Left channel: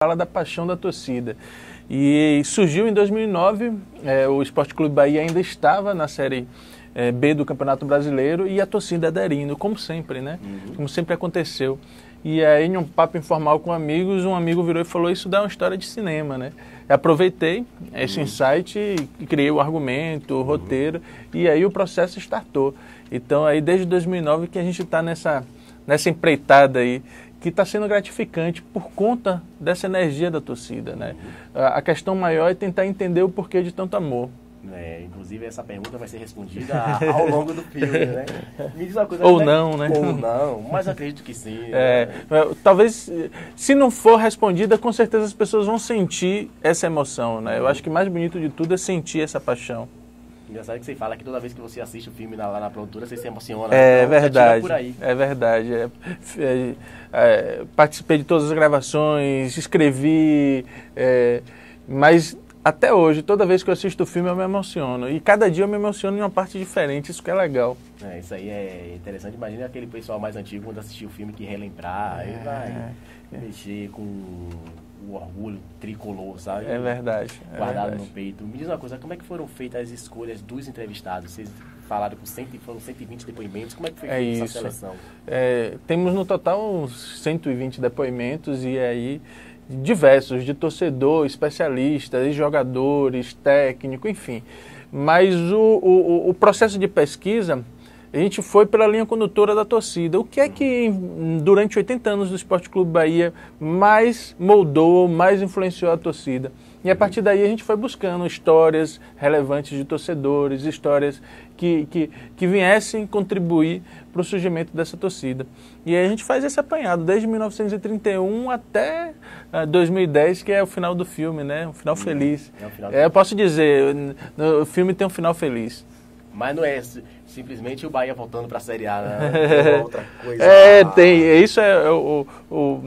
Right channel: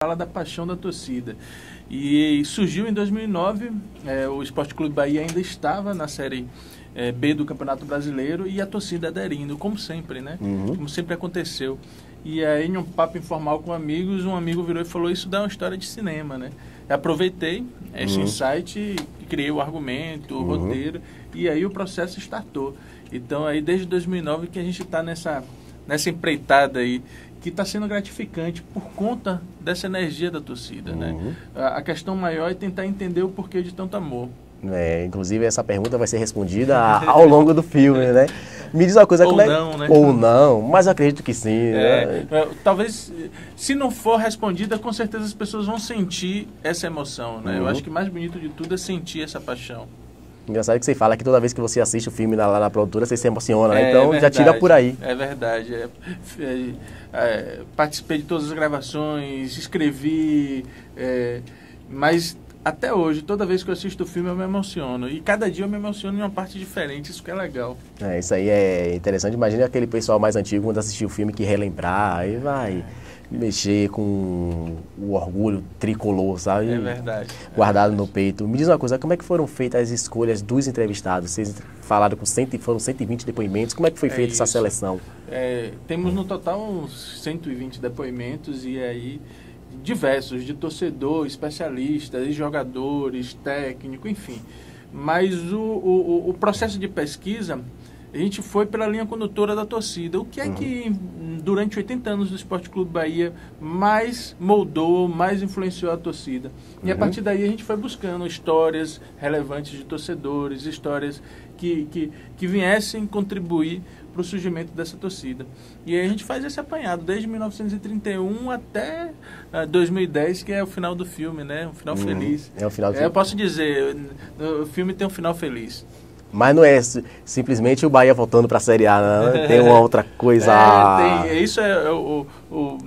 fala da paixão da torcida. E surgiu em 2009, o Sport Clube Bahia ainda estava na Série B do Campeonato Brasileiro e a torcida aderindo, como sempre, né? Como sempre aconteceu. E aí, em um papo informal com amigos, um amigo virou e falou, isso dá uma história de cinema, né? Eu aproveitei esse insight e criei o argumento, o roteiro, e aí o processo startou. Então, aí desde 2009 que a gente está nessa empreitada aí, que está sendo gratificante por conta dessa energia da torcida, né? A questão maior é tentar entender o porquê de tanto amor. Inclusive, essa pergunta vai ser respondida ao longo do filme, né? Me diz uma coisa... Ou não, né? Ou não, mas eu acredito que sim. Né? Talvez, se não for respondida, com certeza as pessoas vão sentir essa emoção, né? Eu acho que o mais bonito de tudo é sentir essa paixão. Engraçado que você fala que toda vez que você assiste o filme lá na produtora, você se emociona, então verdade, já tira por aí. É verdade. Participei de todas as gravações, escrevi, mas até hoje, toda vez que eu assisto o filme, eu me emociono. E cada dia eu me emociono em uma parte diferente, isso que é legal. Isso aí é interessante. Imagina aquele pessoal mais antigo, quando assistiu o filme, que relembrar, aí vai mexer com o orgulho tricolor, sabe? É verdade. Guardado no peito. Me diz uma coisa, como é que foram feitas as escolhas dos entrevistados? Vocês falaram com foram 120 depoimentos. Como é que foi feita essa seleção? Temos no total uns 120 depoimentos e aí diversos, de torcedor, especialistas, jogadores, técnico, enfim. Mas o processo de pesquisa, a gente foi pela linha condutora da torcida. O que é que, durante 80 anos do Sport Clube Bahia, mais moldou, mais influenciou a torcida? E a partir daí a gente foi buscando histórias relevantes de torcedores, histórias que viessem contribuir para o surgimento dessa torcida. E aí a gente faz esse apanhado, desde 1931 até 2010, que é o final do filme, né? Um final feliz. É o final Eu posso dizer, o filme tem um final feliz. Mas não é simplesmente o Bahia voltando para a Série A, né? Tem uma outra coisa. Tem. Isso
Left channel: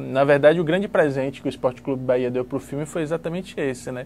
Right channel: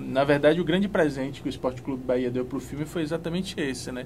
na verdade, o grande presente que o Sport Clube Bahia deu para o filme foi exatamente esse, né?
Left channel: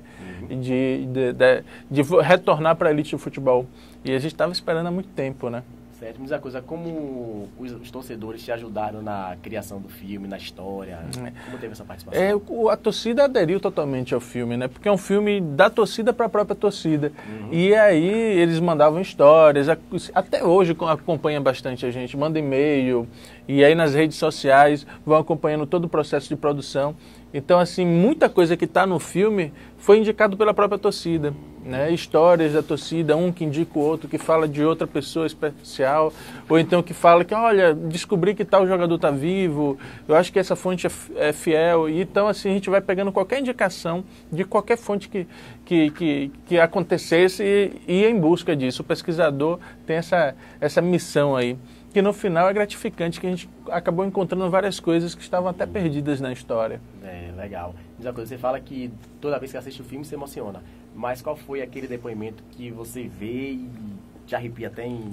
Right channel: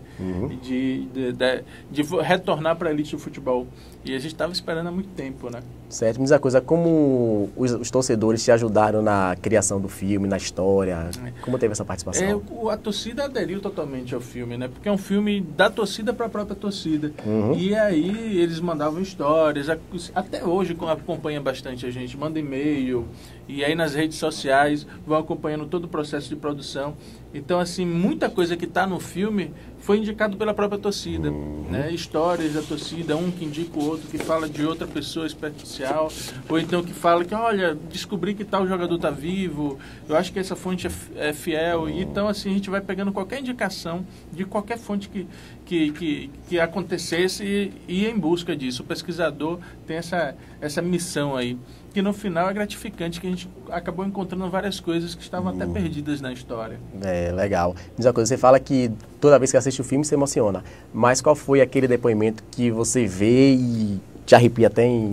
De retornar para a elite do futebol. E a gente estava esperando há muito tempo, né? Certo. Mas a coisa, como os torcedores te ajudaram na criação do filme, na história? Como teve essa participação? A torcida aderiu totalmente ao filme, né? Porque é um filme da torcida para a própria torcida. E aí eles mandavam histórias. Até hoje acompanha bastante a gente. Manda e-mail. E aí nas redes sociais vão acompanhando todo o processo de produção. Então, assim, muita coisa que está no filme foi indicado pela própria torcida, né? Histórias da torcida, um que indica o outro, que fala de outra pessoa especial, ou então que fala que, olha, descobri que tal jogador está vivo, eu acho que essa fonte é fiel. E, então, assim, a gente vai pegando qualquer indicação de qualquer fonte que acontecesse e ir em busca disso. O pesquisador tem essa missão aí, que no final é gratificante, que a gente acabou encontrando várias coisas que estavam até perdidas na história. Legal. Diz uma coisa, você fala que toda vez que assiste o filme se emociona, mas qual foi aquele depoimento que você vê e te arrepia até em...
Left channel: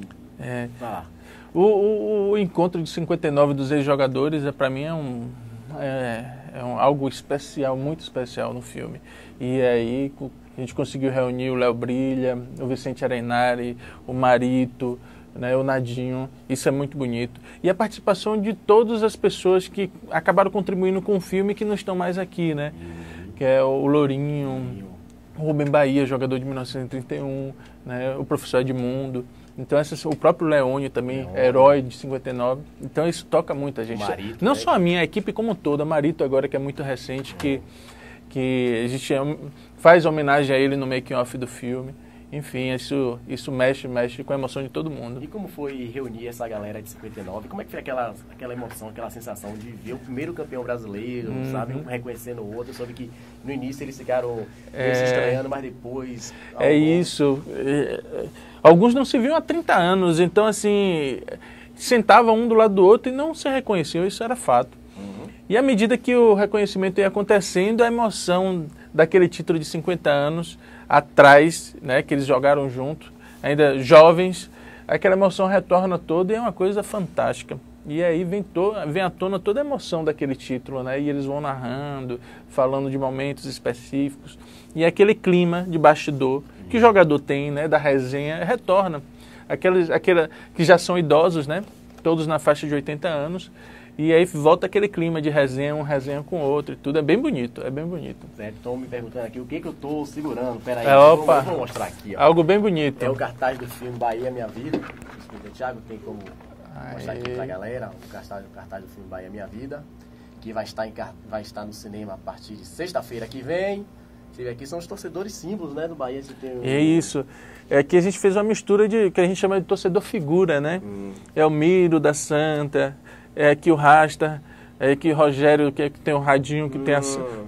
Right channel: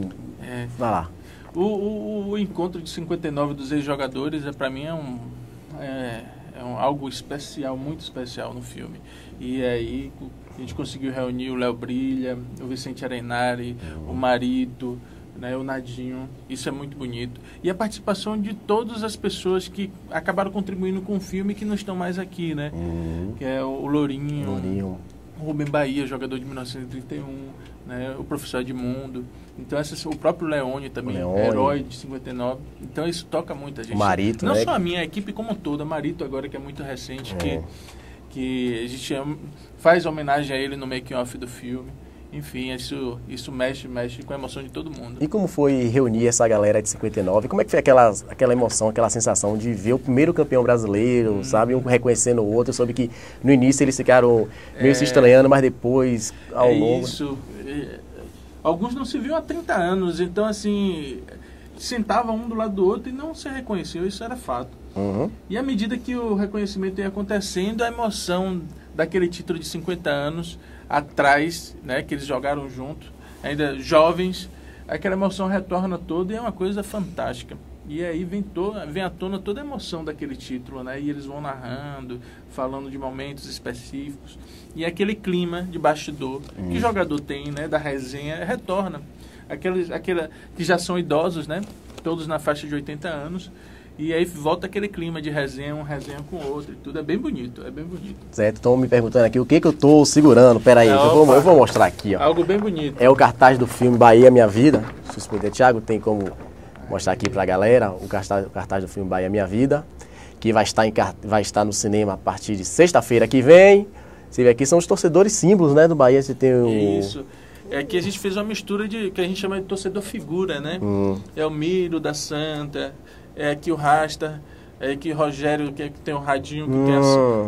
Vai lá. O encontro de 59 dos ex-jogadores, para mim, algo especial, muito especial no filme. E aí a gente conseguiu reunir o Léo Brilha, o Vicente Arenari, o Marito, né, o Nadinho. Isso é muito bonito. E a participação de todas as pessoas que acabaram contribuindo com o filme que não estão mais aqui, né? Que é o Lourinho, o Rubem Bahia, jogador de 1931, né, o professor Edmundo. Então, o próprio Leone também, herói de 59. Então, isso toca muito a gente. Marito, não né? só a minha, a equipe como toda. Marito agora, que é muito recente, que a gente faz homenagem a ele no making-off do filme. Enfim, isso mexe com a emoção de todo mundo. E como foi reunir essa galera de 59? Como é que foi aquela emoção, aquela sensação de ver o primeiro campeão brasileiro, sabe? Um reconhecendo o outro. Eu soube que no início eles ficaram meio se estranhando, mas depois... Alguns não se viam há 30 anos, então assim, sentavam um do lado do outro e não se reconheciam, isso era fato. E à medida que o reconhecimento ia acontecendo, a emoção daquele título de 50 anos atrás, né, que eles jogaram junto, ainda jovens, aquela emoção retorna toda e é uma coisa fantástica. E aí vem à tona toda a emoção daquele título, né? E eles vão narrando, falando de momentos específicos. E aquele clima de bastidor que jogador tem, né, da resenha, retorna. Aqueles que já são idosos, né? Todos na faixa de 80 anos. E aí volta aquele clima de resenha, um resenha com o outro. Tudo é bem bonito, é bem bonito. Certo, estão me perguntando aqui o que eu tô segurando. Peraí, eu vou mostrar aqui, ó. Algo bem bonito. É o cartaz do filme Bahia Minha Vida. Suspeita, Thiago, tem como mostrar aqui pra galera o cartaz do filme Bahia Minha Vida, que vai estar no cinema a partir de sexta-feira que vem. Você vê aqui, são os torcedores símbolos, né, do Bahia. Você tem Isso. É que a gente fez uma mistura de que a gente chama de torcedor figura, né? É o Miro da Santa, é aqui o Rasta, é aqui o Rogério, que tem o radinho, que tem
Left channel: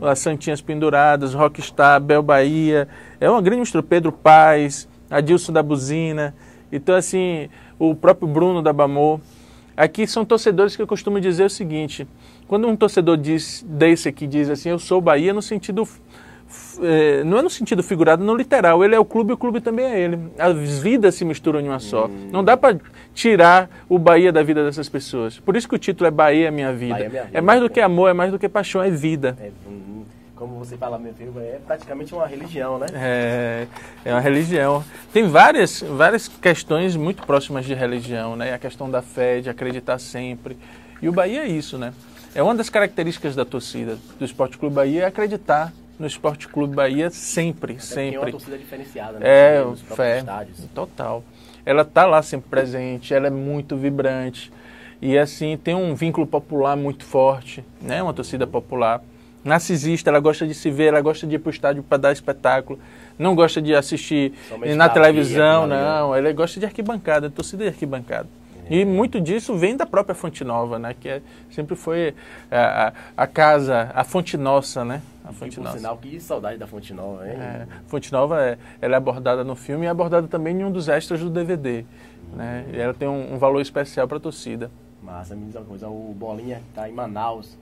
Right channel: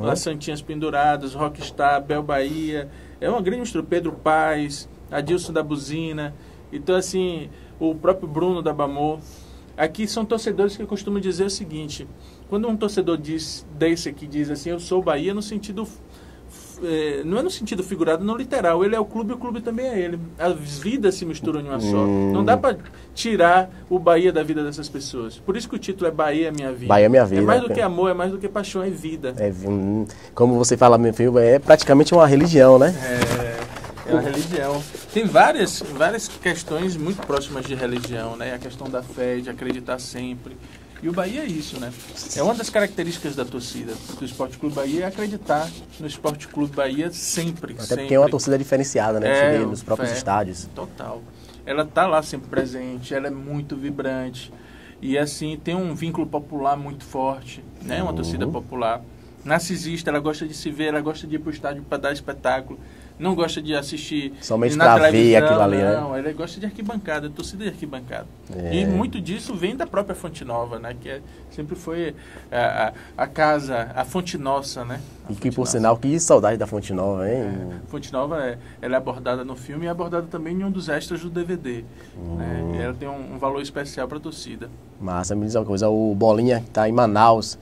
as santinhas penduradas, Rockstar, Bel Bahia. É uma grande mistura. Pedro Paz, Adilson da Buzina. Então, assim, o próprio Bruno da Bamor. Aqui são torcedores que eu costumo dizer o seguinte: quando um torcedor desse aqui diz assim, eu sou Bahia, no sentido... não é no sentido figurado, não literal. Ele é o clube também é ele. As vidas se misturam em uma só. Não dá para tirar o Bahia da vida dessas pessoas. Por isso que o título é Bahia Minha Vida. Bahia Minha Vida. É mais do que amor, é mais do que paixão, é vida. Como você fala, meu filho, é praticamente uma religião, né? É uma religião. Tem várias questões muito próximas de religião, né? A questão da fé, de acreditar sempre. E o Bahia é isso, né? É uma das características da torcida do Esporte Clube Bahia, é acreditar no Esporte Clube Bahia sempre. Até porque é uma torcida diferenciada, né? Nos próprios estádios. Total. Ela está lá sempre presente, ela é muito vibrante. E assim, tem um vínculo popular muito forte, né? Uma torcida popular. Narcisista, ela gosta de se ver, ela gosta de ir para o estádio para dar espetáculo. Não gosta de assistir somente na televisão, ali, não. Né? Ela gosta de arquibancada, torcida de arquibancada. E muito disso vem da própria Fonte Nova, né? Que sempre foi a casa, a Fonte Nossa, né? E que, por sinal, que saudade da Fonte Nova, hein? Fonte Nova, ela é abordada no filme e é abordada também em um dos extras do DVD. Né? E ela tem um valor especial para a torcida. Massa, me diz uma coisa, o Bolinha, que está em Manaus,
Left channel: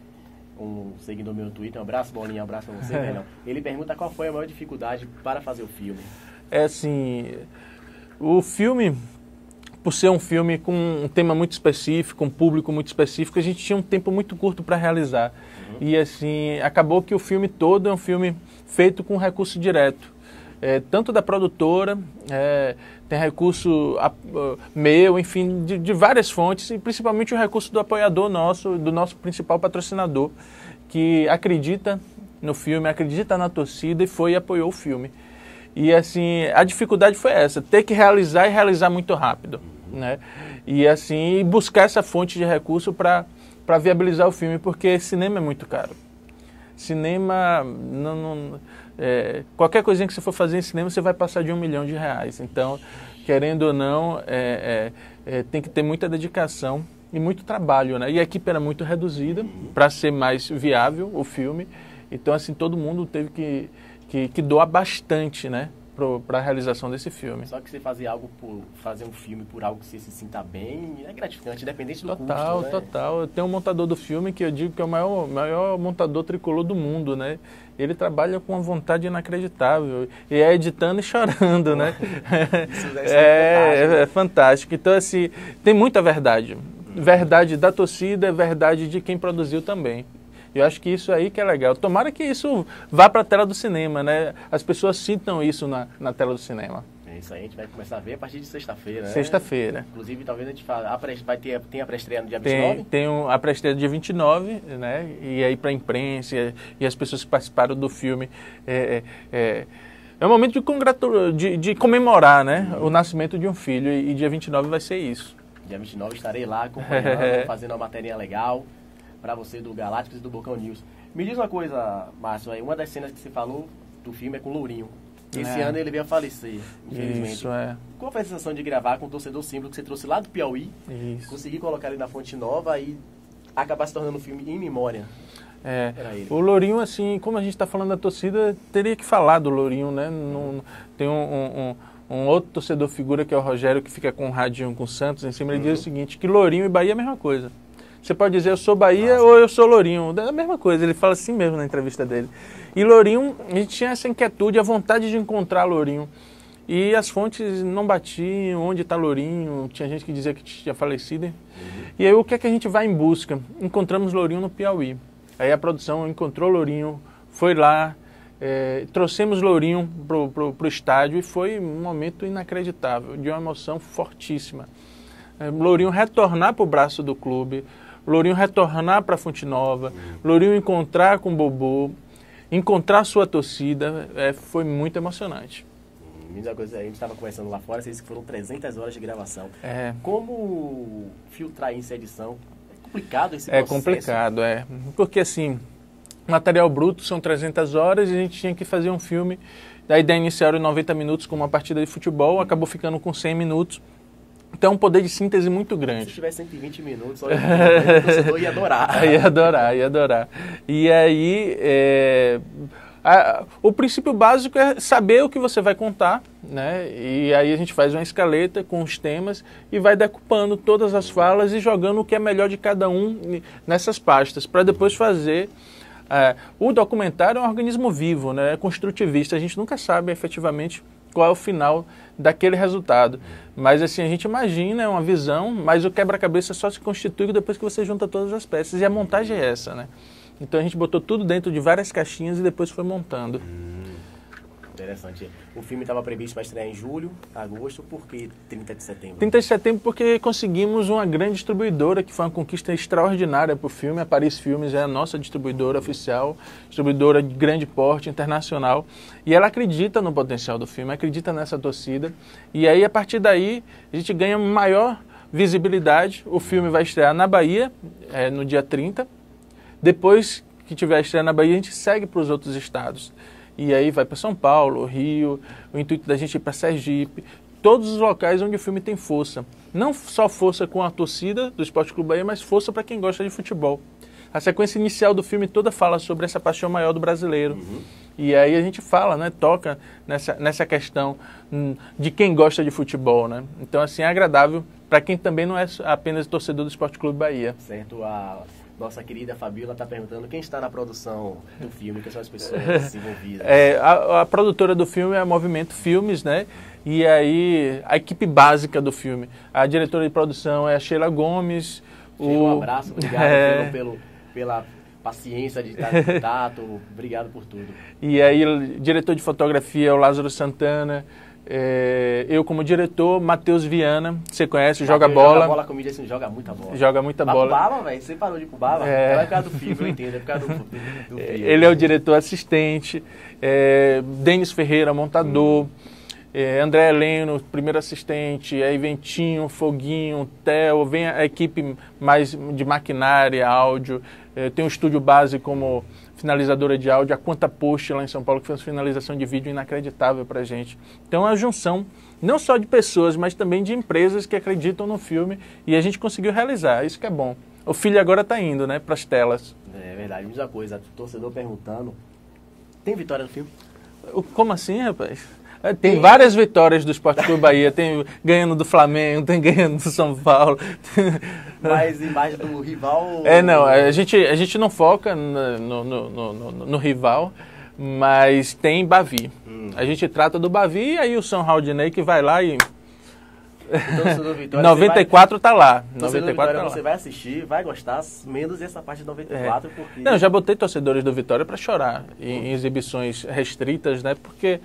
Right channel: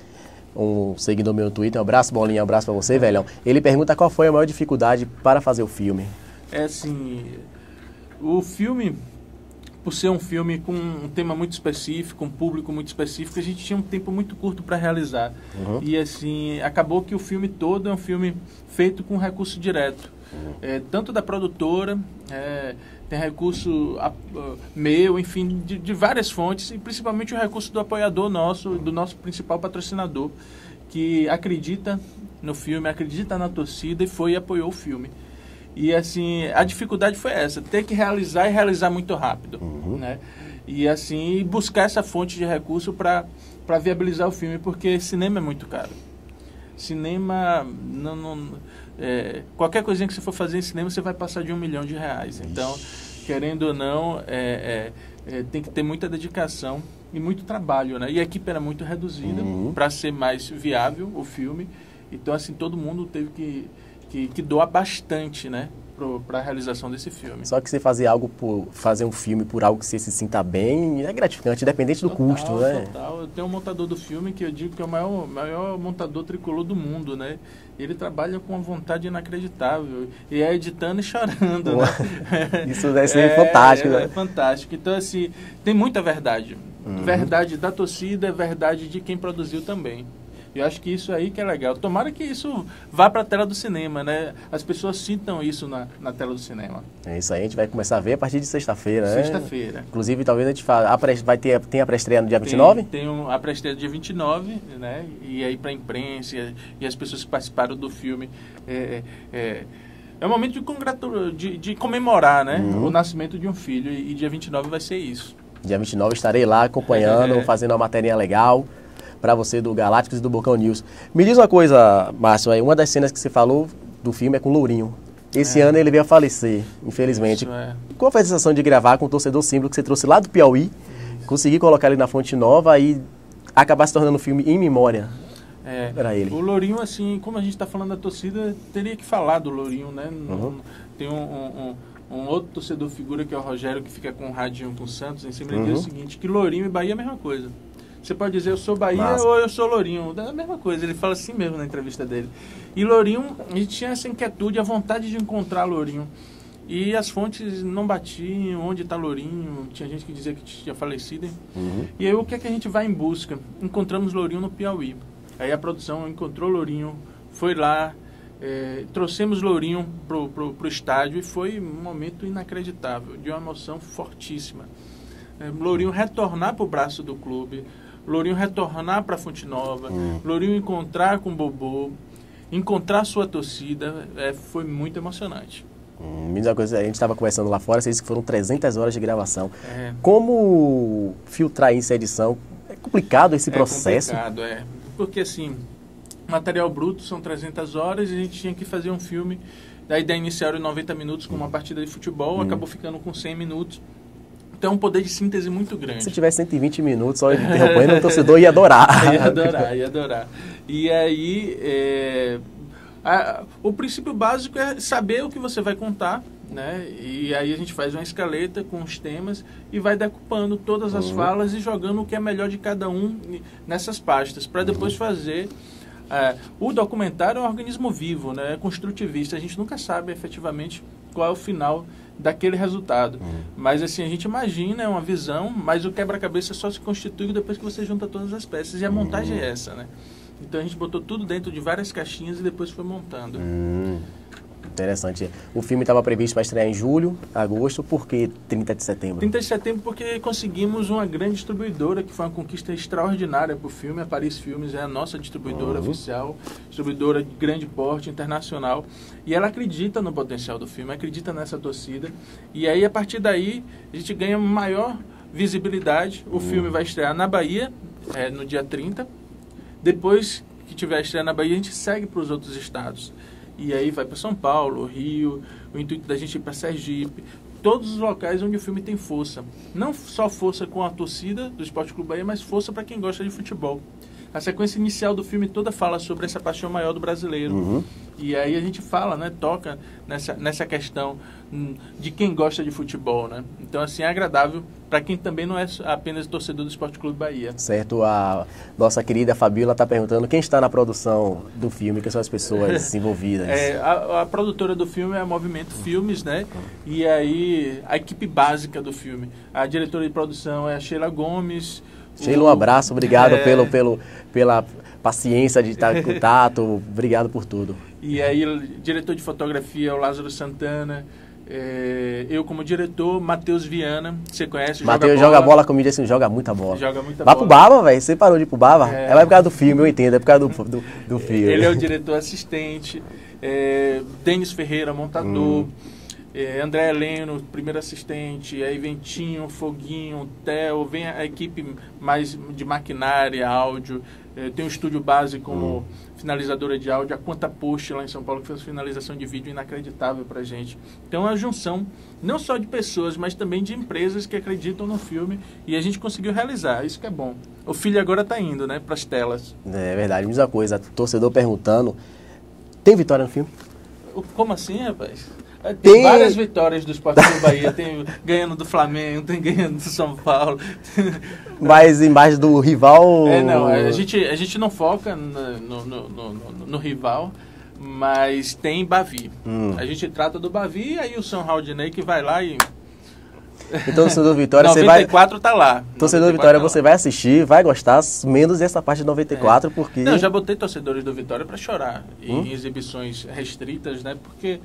um seguidor meu no Twitter, um abraço, Bolinha, um abraço pra você, velhão. Ele pergunta qual foi a maior dificuldade para fazer o filme. É assim, o filme, por ser um filme com um tema muito específico, um público muito específico, a gente tinha um tempo muito curto para realizar. E assim, acabou que o filme todo é um filme feito com recurso direto. Tanto da produtora, tem recurso meu, enfim, de várias fontes, e principalmente o recurso do apoiador nosso, do nosso principal patrocinador, que acredita no filme, acredita na torcida e apoiou o filme. E assim, a dificuldade foi essa, ter que realizar e realizar muito rápido, né? E assim, buscar essa fonte de recurso para viabilizar o filme, porque cinema é muito caro. Cinema, qualquer coisinha que você for fazer em cinema, você vai passar de R$1 milhão. Então, querendo ou não, tem que ter muita dedicação e muito trabalho, né? E a equipe era muito reduzida para ser mais viável o filme. Então, assim, todo mundo teve que doar bastante, né? Para a realização desse filme. Só que você fazer um filme por algo que você se sinta bem é gratificante, independente do custo, né? Total. Eu tenho um montador do filme que eu digo que é o maior montador tricolor do mundo, né? Ele trabalha com uma vontade inacreditável. E é editando e chorando, né? Isso deve ser fantástico. É fantástico. Então, assim, tem muita verdade. Verdade da torcida, verdade de quem produziu também. Eu acho que isso aí que é legal. Tomara que isso vá para a tela do cinema, né? As pessoas sintam isso na tela do cinema. É isso aí, a gente vai começar a ver a partir de sexta-feira, né? Sexta-feira. Inclusive, talvez a gente tem a pré-estreia no dia 29? Tem a pré-estreia no dia 29, né? E aí para a imprensa e as pessoas que participaram do filme. É um momento de comemorar, né? O nascimento de um filho. E dia 29 vai ser isso. Dia 29 estarei lá acompanhando, fazendo uma materinha legal para você do Galácticos e do Bocão News. Me diz uma coisa, Márcio, aí, uma das cenas que você falou do filme é com o Lourinho. Esse ano ele veio a falecer, infelizmente. Qual foi a sensação de gravar com o torcedor símbolo que você trouxe lá do Piauí, conseguir colocar ele na Fonte Nova e acabar se tornando um filme em memória? Era ele. O Lourinho, assim, como a gente está falando da torcida, teria que falar do Lourinho, né? Tem um outro torcedor figura que é o Rogério, que fica com um radinho com o Santos em cima. Ele diz o seguinte, que Lourinho e Bahia é a mesma coisa. Você pode dizer eu sou Bahia ou eu sou Lourinho. É a mesma coisa, ele fala assim mesmo na entrevista dele. E Lourinho, a gente tinha essa inquietude, a vontade de encontrar Lourinho. E as fontes não batiam, onde está Lourinho, tinha gente que dizia que tinha falecido. E aí o que é que a gente vai em busca? Encontramos Lourinho no Piauí. Aí a produção encontrou Lourinho, foi lá, trouxemos Lourinho pro estádio e foi um momento inacreditável, de uma emoção fortíssima. Lourinho retornar para o braço do clube, Lourinho retornar para Fonte Nova, Lourinho encontrar com o Bobô, encontrar sua torcida, foi muito emocionante. Mesma coisa, a gente estava conversando lá fora, você disse que foram 300 horas de gravação. Como filtrar isso em edição? É complicado esse processo? É complicado, porque assim, material bruto são 300 horas e a gente tinha que fazer um filme. A ideia inicial era 90 minutos com uma partida de futebol, acabou ficando com 100 minutos. Então é um poder de síntese muito grande. Se tivesse 120 minutos, só interrompendo, o torcedor ia adorar. Ia adorar. E aí, o princípio básico é saber o que você vai contar, né? E aí a gente faz uma escaleta com os temas e vai decupando todas as falas e jogando o que é melhor de cada um nessas pastas, para depois fazer... o documentário é um organismo vivo, né? É construtivista. A gente nunca sabe efetivamente qual é o final daquele resultado. Mas assim, a gente imagina, é uma visão, mas o quebra-cabeça só se constitui depois que você junta todas as peças. E a montagem é essa, né? Então a gente botou tudo dentro de várias caixinhas e depois foi montando. Interessante. O filme estava previsto para estrear em julho, agosto, por que 30 de setembro? 30 de setembro porque conseguimos uma grande distribuidora, que foi uma conquista extraordinária para o filme. A Paris Filmes é a nossa distribuidora oficial, distribuidora de grande porte, internacional. E ela acredita no potencial do filme, acredita nessa torcida. E aí, a partir daí, a gente ganha maior visibilidade. O filme vai estrear na Bahia, no dia 30. Depois que tiver a estreia na Bahia, a gente segue para os outros estados. E aí vai para São Paulo, Rio, o intuito da gente ir para Sergipe, todos os locais onde o filme tem força. Não só força com a torcida do Esporte Clube Bahia, mas força para quem gosta de futebol. A sequência inicial do filme toda fala sobre essa paixão maior do brasileiro. E aí a gente fala, né, toca nessa questão de quem gosta de futebol, né? Então, assim, é agradável para quem também não é apenas torcedor do Esporte Clube Bahia. Certo. A nossa querida Fabíola está perguntando quem está na produção do filme, quem são as pessoas envolvidas. A produtora do filme é a Movimento Filmes, né? E aí a equipe básica do filme. A diretora de produção é a Sheila Gomes. Sheila, um abraço, obrigado pela paciência de estar em contato, obrigado por tudo. E aí, o diretor de fotografia é o Lázaro Santana, eu como diretor, Matheus Viana, você conhece, joga bola comigo, assim, joga muita bola. Joga muita bola. Vai pro Baba, velho, você parou de ir pro Baba? É por causa do filme, eu entendo, é por causa do filme. Ele é o diretor assistente, Denis Ferreira, montador, André Heleno, primeiro assistente, aí vem Tinho, Foguinho, Theo, vem a equipe mais de maquinária, áudio, tem um estúdio base como finalizadora de áudio, a Quanta Post lá em São Paulo, que fez finalização de vídeo inacreditável pra gente. Então é uma junção não só de pessoas, mas também de empresas que acreditam no filme e a gente conseguiu realizar, isso que é bom. O filho agora tá indo, né, pras telas. É verdade, mesma coisa, torcedor perguntando, tem vitória no filme? Como assim, rapaz? Tem várias vitórias do Esporte Clube Bahia, tem ganhando do Flamengo, tem ganhando do São Paulo. Mas embaixo do rival... Não, a gente não foca no rival, mas tem Bavi. A gente trata do Bavi e aí o São Raudinei que vai lá e... Então, torcedor Vitória, 94 tá lá. Torcedor Vitória, você vai assistir, vai gostar, menos essa parte de 94, porque... Não, já botei torcedores do Vitória para chorar em exibições restritas, né? Porque...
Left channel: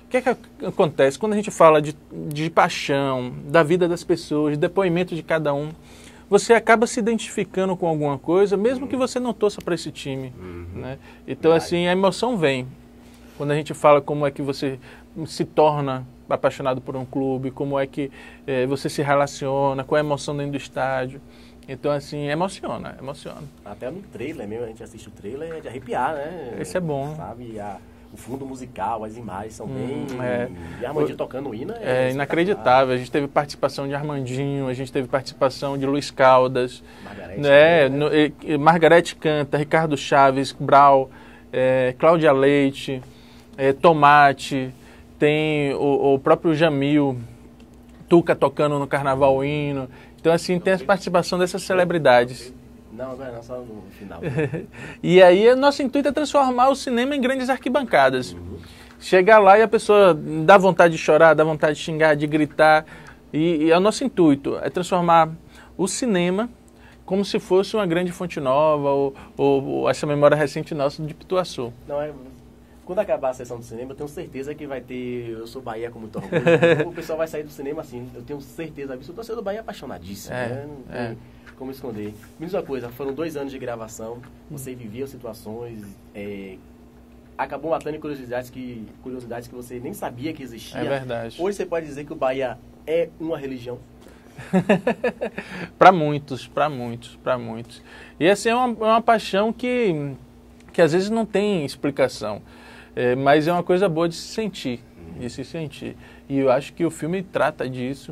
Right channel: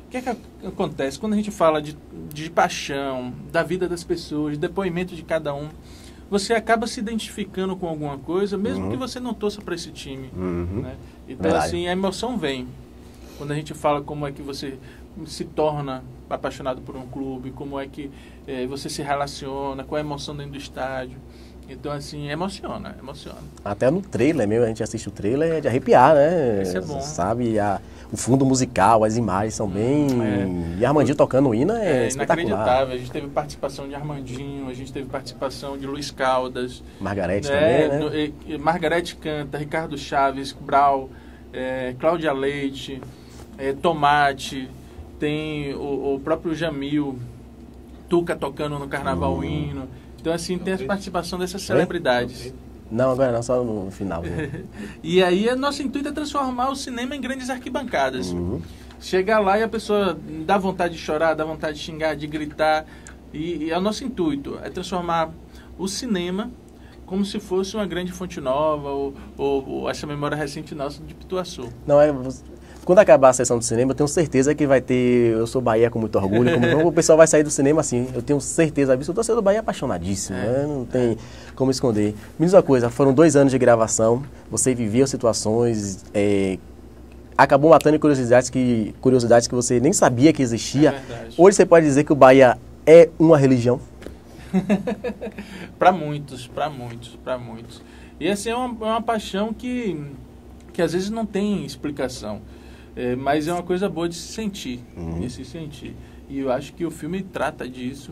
O que é que acontece? Quando a gente fala de paixão, da vida das pessoas, de depoimento de cada um, você acaba se identificando com alguma coisa, mesmo que você não torça para esse time. Né? Então, assim, a emoção vem. Quando a gente fala como é que você se torna apaixonado por um clube, como é que você se relaciona, qual é a emoção dentro do estádio. Então, assim, emociona. Até no trailer mesmo, a gente assiste o trailer, é de arrepiar, né? Isso é bom. Sabe, o fundo musical, as imagens são bem... E Armandinho tocando o hino é inacreditável. A gente teve participação de Armandinho, a gente teve participação de Luiz Caldas. Margarete também, né? Margarete canta, Ricardo Chaves, Brau, Cláudia Leite, Tomate, tem o próprio Jamil, Tuca tocando no Carnaval o hino. Então, assim, tem a participação dessas celebridades. Não, agora não, só no final. E aí, nosso intuito é transformar o cinema em grandes arquibancadas. Chegar lá e a pessoa dá vontade de chorar, dá vontade de xingar, de gritar. E é o nosso intuito, é transformar o cinema como se fosse uma grande Fonte Nova ou essa memória recente nossa de Pituaçu. Não, quando acabar a sessão do cinema, eu tenho certeza que vai ter Eu Sou Bahia com muito orgulho. O pessoal vai sair do cinema assim, eu tenho certeza disso. O torcedor do Bahia é apaixonadíssimo, né? Não tem como esconder. Me diz uma coisa, foram 2 anos de gravação, você viveu situações, acabou matando curiosidades que você nem sabia que existia. É verdade. Hoje você pode dizer que o Bahia é uma religião? Para muitos. E assim, é uma paixão que às vezes não tem explicação, mas é uma coisa boa de se sentir, E eu acho que o filme trata disso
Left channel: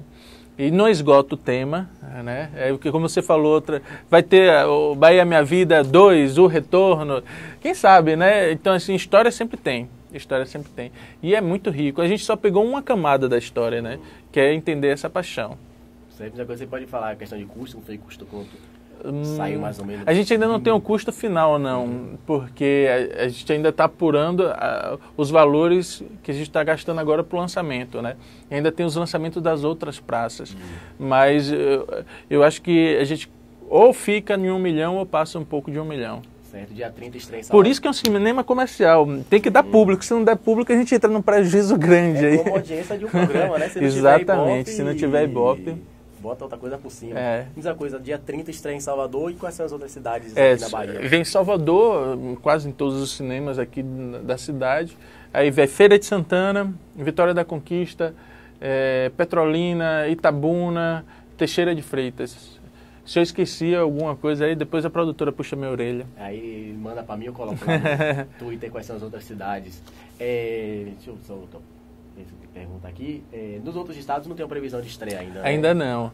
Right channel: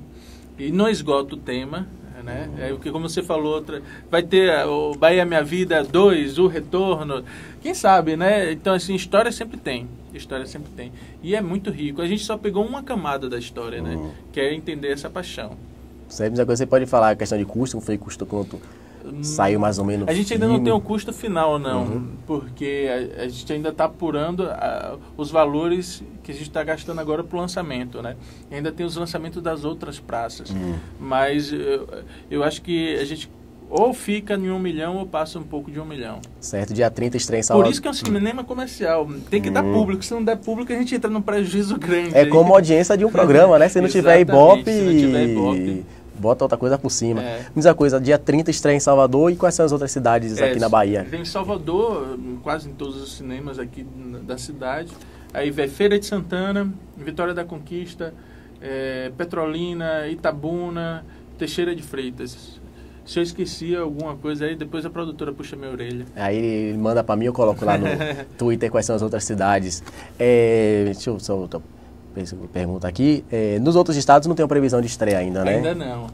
e não esgota o tema, né? Porque como você falou, vai ter o Bahia Minha Vida 2, O Retorno, quem sabe, né? Então assim, história sempre tem. E é muito rico. A gente só pegou uma camada da história, né? Que é entender essa paixão. Você pode falar a questão de custo, foi custo quanto saiu mais ou menos? A gente ainda não tem um custo final, não, porque a gente ainda está apurando os valores que a gente está gastando agora para o lançamento, né? Ainda tem os lançamentos das outras praças, mas eu acho que a gente ou fica em 1 milhão ou passa um pouco de 1 milhão. Certo, dia 30 estreia em Salvador. Por isso que é um cinema comercial. Tem que dar público. Se não der público, a gente entra num prejuízo grande. É como a audiência de um programa, né? Se não tiver Ibope, Ibope, bota outra coisa por cima. Diz a coisa, dia 30 estreia em Salvador e quais são as outras cidades aqui na Bahia? Vem em Salvador, quase em todos os cinemas aqui da cidade. Aí vem Feira de Santana, Vitória da Conquista, Petrolina, Itabuna, Teixeira de Freitas. Se eu esqueci alguma coisa aí, depois a produtora puxa minha orelha. Aí ele manda pra mim, eu coloco lá no Twitter quais são as outras cidades. Deixa eu só pergunta aqui. Nos outros estados não tem previsão de estreia ainda, né? Ainda não.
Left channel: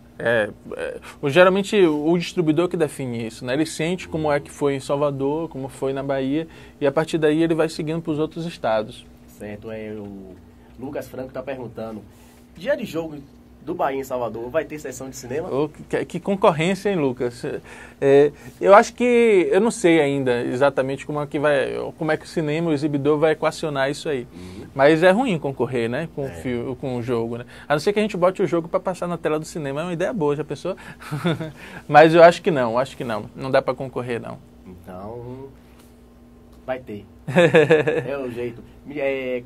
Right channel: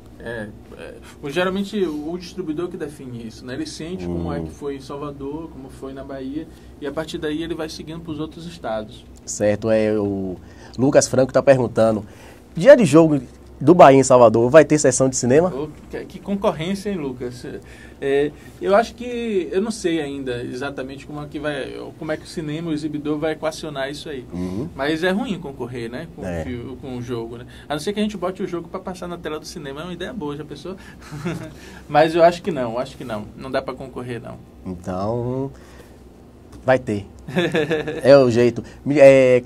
Geralmente o distribuidor que define isso, né? Ele sente como é que foi em Salvador, como foi na Bahia, e a partir daí ele vai seguindo para os outros estados. Certo, o Lucas Franco está perguntando, dia de jogo do Bahia em Salvador, vai ter sessão de cinema? Que concorrência, hein, Lucas? Eu acho que, eu não sei ainda exatamente como é que o cinema, o exibidor vai equacionar isso aí. Mas é ruim concorrer, né, com o jogo, né? A não ser que a gente bote o jogo para passar na tela do cinema, é uma ideia boa, já pensou? Mas eu acho que não, não dá para concorrer, não. Então, vai ter. É o jeito.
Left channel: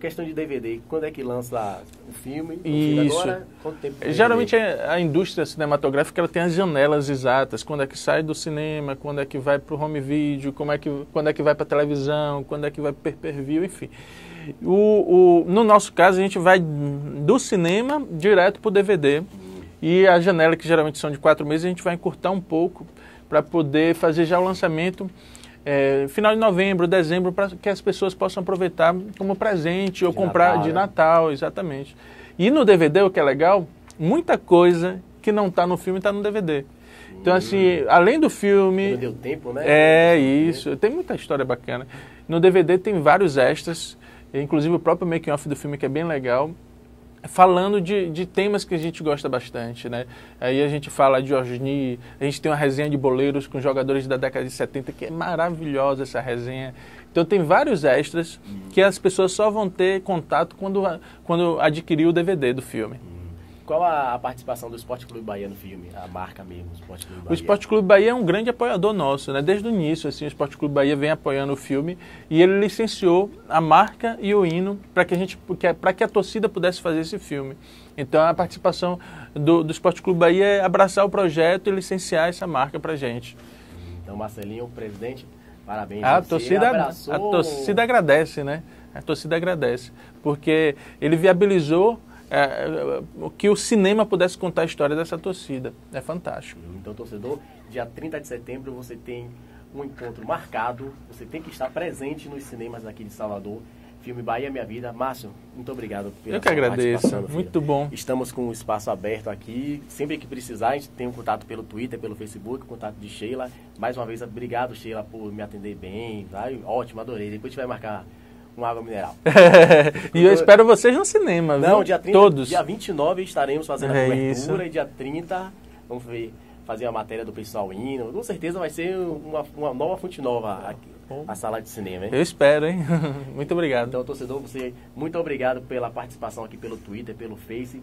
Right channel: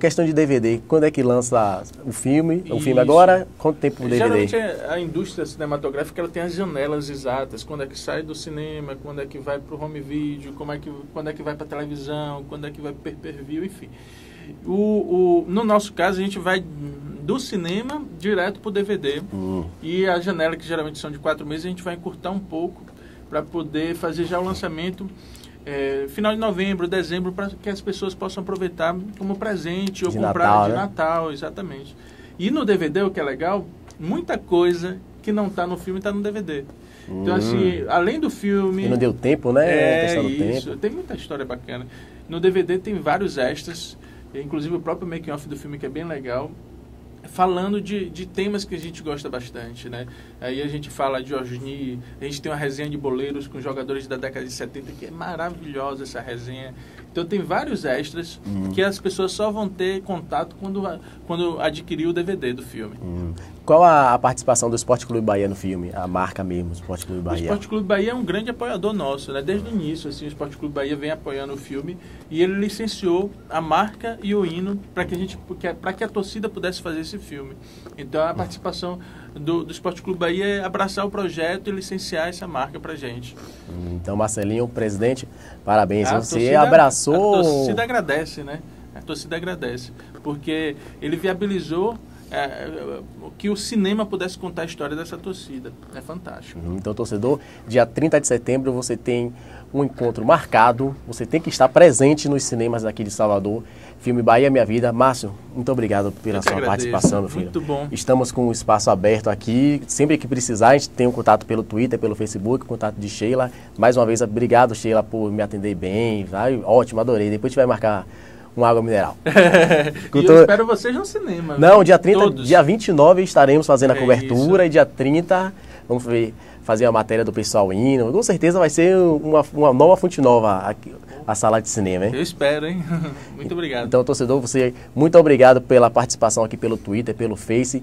Questão de DVD, quando é que lança o filme? O filme agora, quanto tempo DVD? Geralmente a indústria cinematográfica ela tem as janelas exatas, quando é que sai do cinema, quando é que vai para o home video, quando é que vai para a televisão, quando é que vai para o pay-per-view, enfim. No nosso caso, a gente vai do cinema direto para o DVD. E a janela, que geralmente são de 4 meses, a gente vai encurtar um pouco para poder fazer já o lançamento final de novembro, dezembro, para que as pessoas possam aproveitar como presente ou comprar Natal, de Natal, exatamente. E no DVD, o que é legal, muita coisa que não está no filme está no DVD. Então, assim, além do filme... E não deu tempo, né? Isso. Tem muita história bacana. No DVD tem vários extras, inclusive o próprio making-off do filme, que é bem legal, falando de temas que a gente gosta bastante, né? Aí a gente fala de Osni, a gente tem uma resenha de boleiros com jogadores da década de 70, que é maravilhosa essa resenha. Então tem vários extras que as pessoas só vão ter contato quando adquirir o DVD do filme. Qual a participação do Esporte Clube Bahia no filme? A marca mesmo, Esporte Clube Bahia. O Esporte Clube Bahia é um grande apoiador nosso, né? Desde o início, assim, o Esporte Clube Bahia vem apoiando o filme e ele licenciou a marca e o hino para que a torcida pudesse fazer esse filme. Então a participação do Esporte Clube Bahia é abraçar o projeto e licenciar essa marca para gente. Então, Marcelinho, presidente, parabéns. Você abraçou... A torcida agradece, né? A torcida agradece, porque ele viabilizou que o cinema pudesse contar a história dessa torcida. É fantástico. Então, torcedor, dia 30 de setembro você tem um encontro marcado, você tem que estar presente nos cinemas aqui de Salvador. Filme Bahia Minha Vida. Márcio, muito obrigado pela sua participação, meu filho. Muito bom. Estamos com o espaço aberto aqui. Sempre que precisar, a gente tem um contato pelo Twitter, pelo Facebook, contato de Sheila. Mais uma vez, obrigado, Sheila, por me atender bem. Vai, ótimo, adorei. Depois a gente vai marcar uma água mineral. E eu espero vocês no cinema. Não, dia 30, dia 29 estaremos fazendo a cobertura e dia 30 vamos fazer a matéria do pessoal indo. Com certeza vai ser uma nova fonte nova aqui, a sala de cinema, hein? Eu espero, hein? Muito obrigado. Então, torcedor, muito obrigado pela participação aqui pelo Twitter, pelo Face.